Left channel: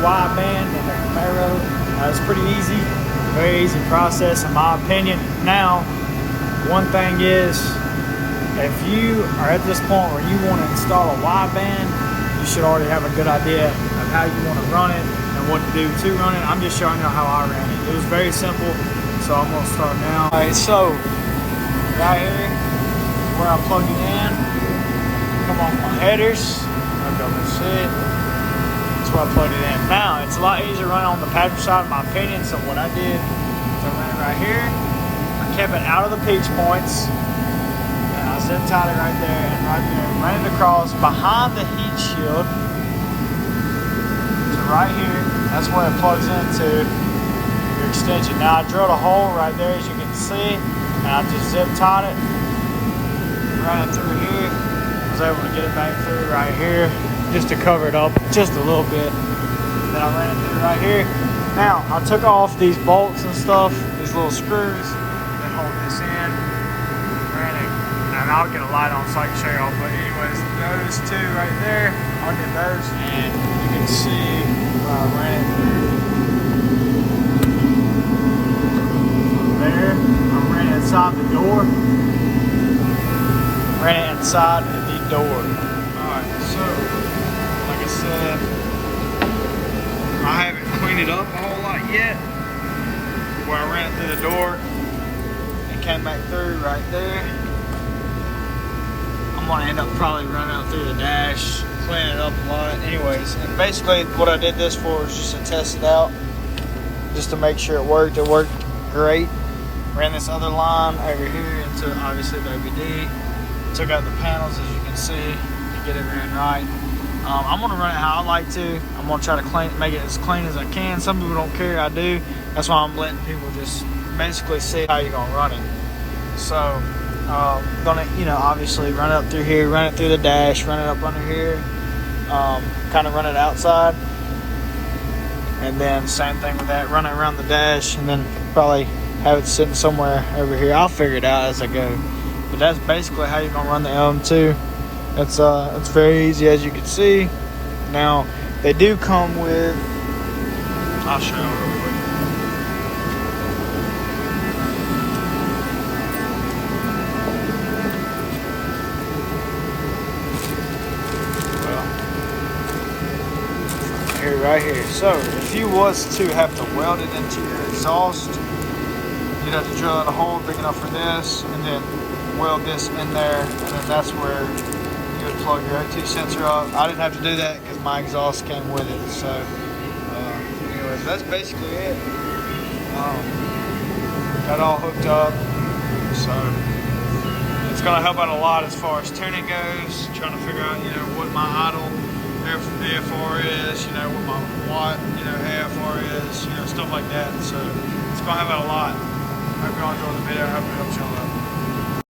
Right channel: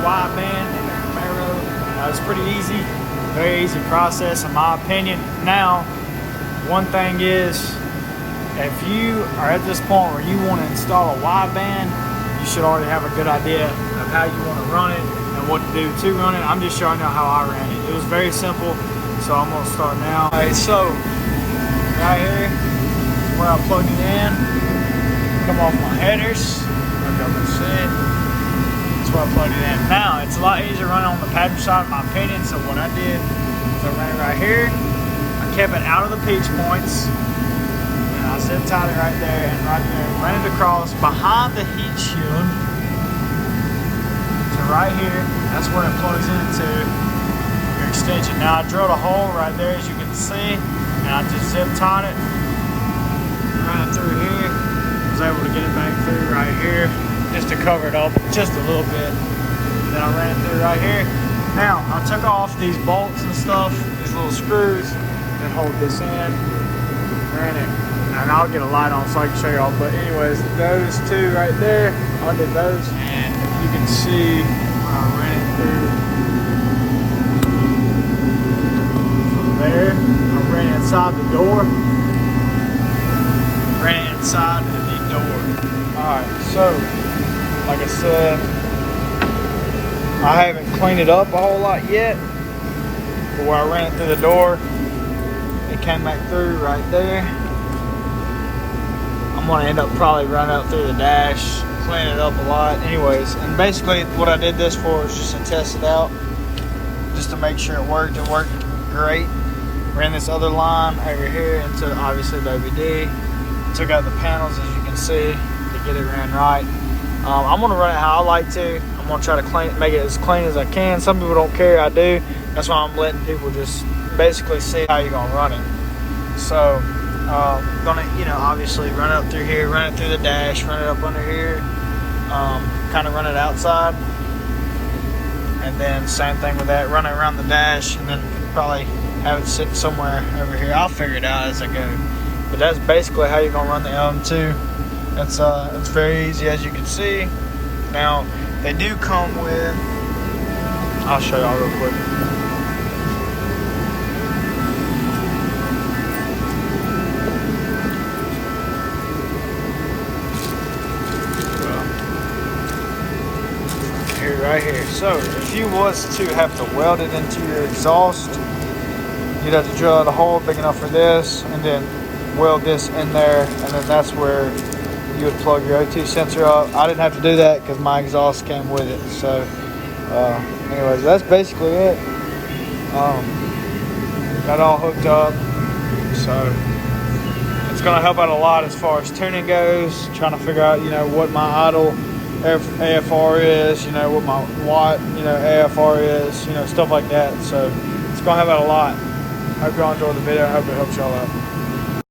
Wideband and the Camaro. It's pretty easy, very easy process in my opinion. Now, one thing is, if you are at this point where you want to install a Wideband, you should already have a good idea of how you want to run it and what to do to run it. I'm just showing you how I ran it. It was very simple, so I'm going to start now. Alright, so right here, where I'm plugging in, come off my headers. I'll be able to see it. That's where I plugged it in. Now, it's a lot easier running on the passenger side, in my opinion. So what I did is I ran right here. I kept it out of the pinch points. And I zip tied it right there and right there. Ran it across behind the heat shield to right here. That's where it plugs into your extension. Now I drilled a hole right there, as you can see, and I just zip tied it. Ran it through here. Was able to get it back through right here, just to cover it up just a little bit. Then I ran it through right here. Now I took off these bolts and stuff, these little screws that hold this in. Ran it, and I'll get a light on so I can show y'all. But anyways, those two right there, I did those, and you can see where I ran it through. So there, I ran inside the door. Ran inside the door. Alright, so like I said, I haven't cleaned it up a whole lot yet, but where I ran it through the door, it came back through right there. I'm gonna end up probably running up through the dash, cleaning it up a lot. Anyways, and basically what I did this for is just to test it out, just to make sure it worked. It worked great. Ran this other line over here into obviously Baby D. Took out the panels, as you can see, to get it ran right. I'm gonna run it how I like to. I'm gonna try to make it as clean as I can. Some people don't care, I do. That's why I'm letting people just basically see how you're gonna run it. So, gonna, obviously run it up through here, run it through the dash, run it up under here, kind of run it outside. And then same thing with that, run it around the dash, and then probably have it sitting somewhere over here. I'll figure it out as I go. But that's basically how you're gonna run the lm-2. It's very easy, as you can see. Now they do come with, I'll show y'all real quick. Right here. So if you was to have to weld it into your exhaust, you'd have to drill out a hole big enough for this, and then weld this in there, and then that's where you would plug your O2 sensor up. I didn't have to do that because my exhaust came with it. So anyways, that's basically it. Got all hooked up, so it's gonna help out a lot as far as tuning goes, trying to figure out what my idle AFR is, what my watt AFR is, stuff like that. So it's gonna help out a lot. Hope y'all enjoyed the video. I hope it helps y'all out.